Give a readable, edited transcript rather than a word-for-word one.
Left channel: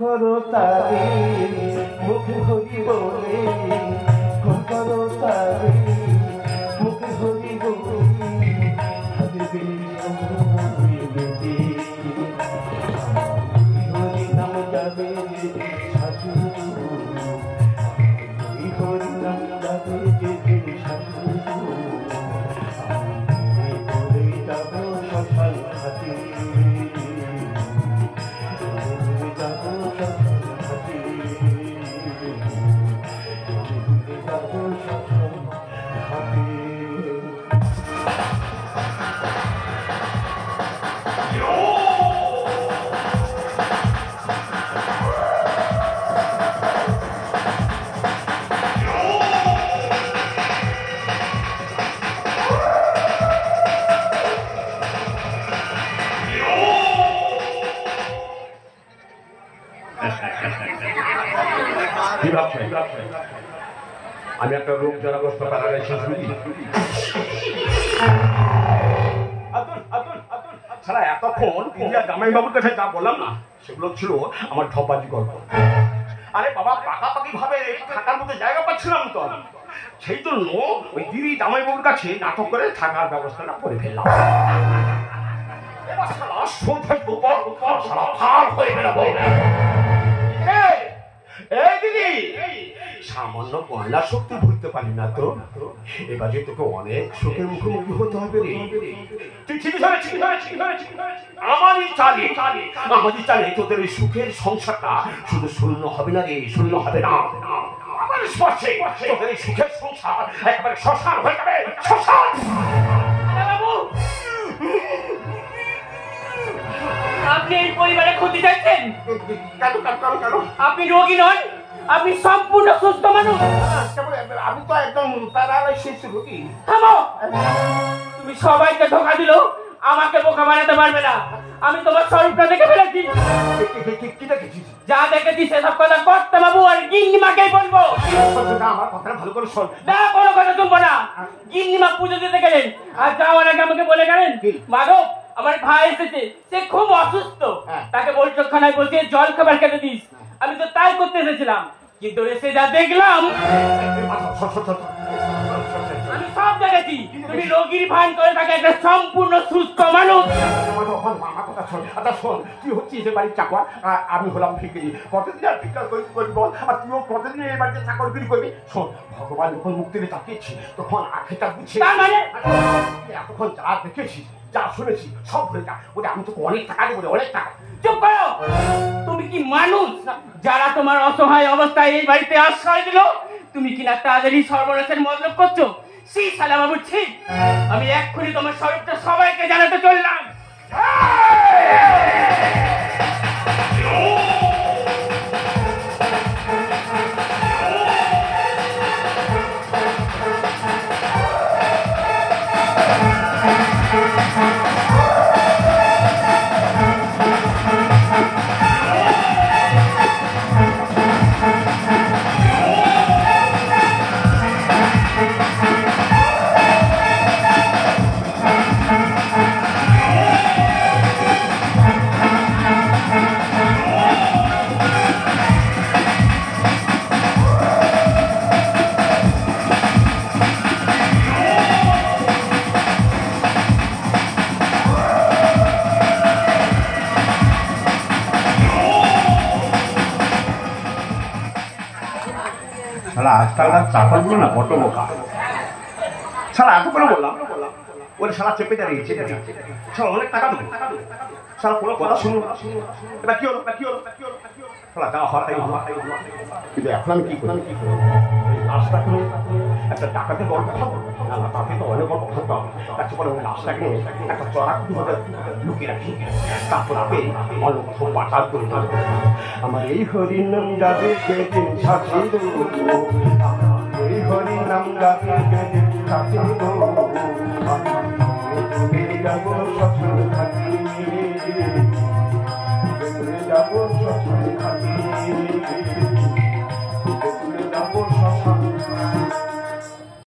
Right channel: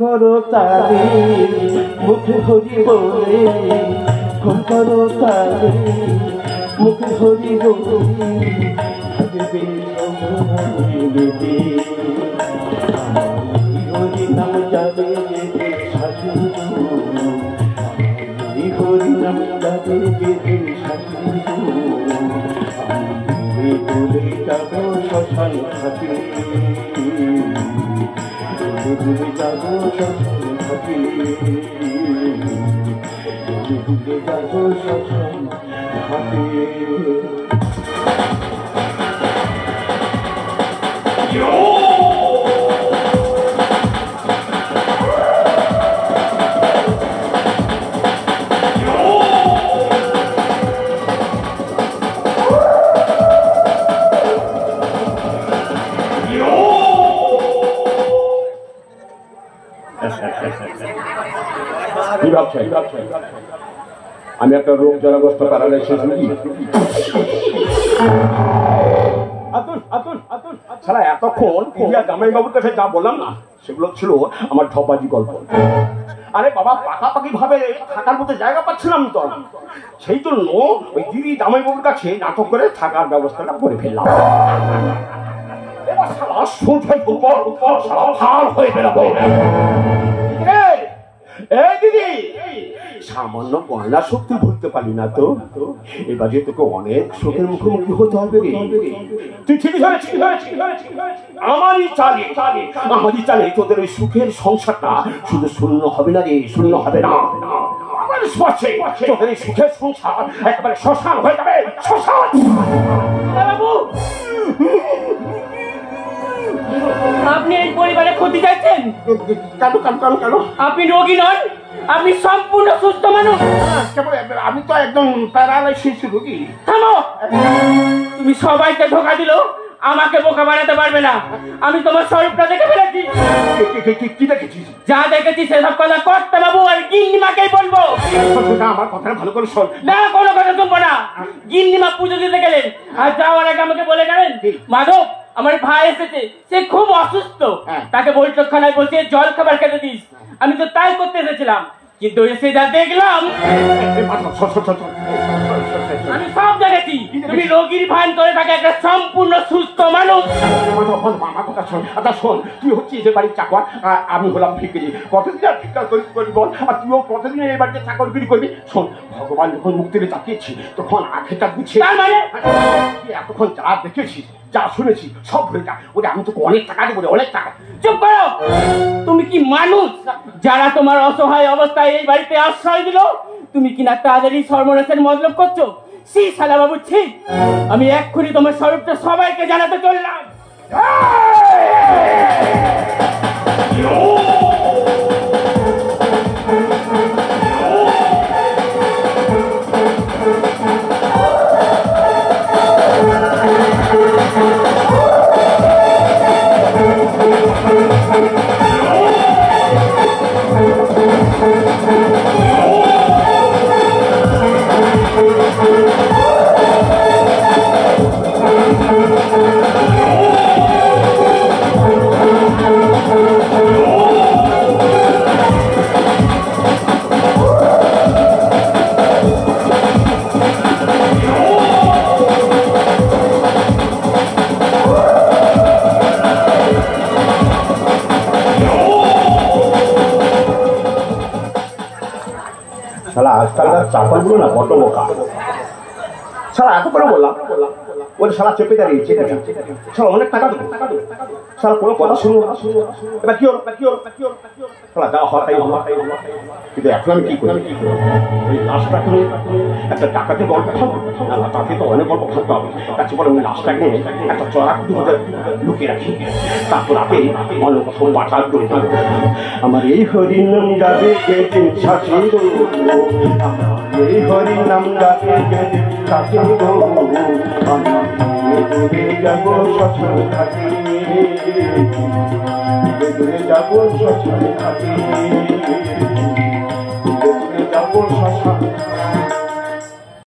করো তারে মুখে হরি বলে খুন করো তারে মুখে হরি বলে হরি নাম যাবে হরি নাম যাবে ভুলে যাব শ্মশান ঘাটে ভুলে যাব শ্মশান ঘাটে ভুলে যাব শ্মশান ঘাটে। আমি একটা রোগ জনগ্রস্ত প্যারালাইসিস রোগী। সারা এতক্ষণ জামাই বাবুর কাছে যা বললাম না সেগুলো ছিল আমার ঠপাজি গল্প। আরে বাবা পাকাপাকি ভাবে থাকার মতো জায়গা পাচ্ছিলাম তো, সেই জন্য ওই দিদি জামাই বাবুর কাছে নাটক করে থাকার ব্যবস্থাটা করে ফেললাম। সামান্য গয়না শক্তি ভুলতে পারি না তো, এবার যে তোকে অনেক শোকের মুখোমুখি হতে হবে রে। তুই ঠিক আমারই চালে তোদের এই সুখের সংসারটা শুধু শূন্য হবে না রে, শূন্য হবে না। তোদের এই সুখের সংসার একেবারে শ্মশান হয়ে যাবে, শ্মশান। আপনি এই পরিবারে ক্ষতি চাইছেন? কেন? আপনি রোগী নন, আপনি সম্পূর্ণ সুস্থ মানুষ। আমি তো একদম প্যারালাইসিস রোগী। থামো, তুমি সবাইকে ধোঁকা দিল, আমাকে বোকা বানাতে পারবে না। আমি তোমার স্বরূপটা দেখে ফেলেছি। কি দেখেছিস? যা দেখেছি সেসব কথা কর্তা বাবু আর গিন্নিমাকেই বলবো। আমার কথা ভালো করে শোন। না, কোনো কথা শুনবো না। গিন্নিমা পুজো দিতে গেলেন আর যাওয়ার আগে আমাকে বলে গেলেন, মাধব আমার ভাই এসেছে, সে খুব অসুস্থ, তাকে বৈঠকখানায় বসিয়ে জল খাবার খেতে দিস। আমি তো তাই করতে এসেছিলাম, কিন্তু এসে যা দেখলাম। আমি সব দেখেছি, তুমি রোগীর ভান করে তাকে একটা সম্পূর্ণ সুস্থ মানুষ। শোন, তুই হচ্ছিস এ বাড়ির চাকর, আমি হলাম ভিখারি। কতদিন আর ভিক্ষা করবি বল, আর তুইও কতদিন এই বাড়িতে চাকরগিরি করবি? শোন, ভগবান যখন মুখ তুলে তাকিয়েছি তখন আখেটা গুছিয়ে এতক্ষণ যা দেখেছিস যা শুনেছি সব ভুলে যা। ওরে আমি তোকে অনেক টাকা দেবো, অনেক টাকা। চুপ করো, তুমি কি মানুষ যারা তোমার অসহায় অবস্থায় এই বাড়িতে আশ্রয় দিল? তুমি কিনা তাদেরই সর্বনাশের মতলব করছো? সেই শালা বাবু ঠিক। আমি এক্ষুনি তোমার স্বরূপটা সবাইকে জানাতে চললাম। চাকরগুলো না বড় বোকা। সারা এত করে বললাম, ওরে সারা চেপে দাঁড়িয়েছে, সারা অনেক টাকা দেবো, সারা কোনো কথা শুনবো না। এটা কি হলো? সারা যা হয় তাই হলো। কিন্তু এখন আমি কি করি? ওই লাশটাকে একটা ডাকাতি গল্প খাবো, তাকে তো অনেক গল্প খাবো হবে। তাকে বলে ওই লাশটাকে একটা চড়া লুকিয়ে রাখি, তারপর আগে অনেক কথা পাঠার করে দেবো। আমার এই হরিণ যাবে যেদিন শাসিত, এই হরিণ নাম যাবে যেদিন শাসিত, যাবো শ্মশান ঘাটে, যাবো শ্মশান ঘাটে।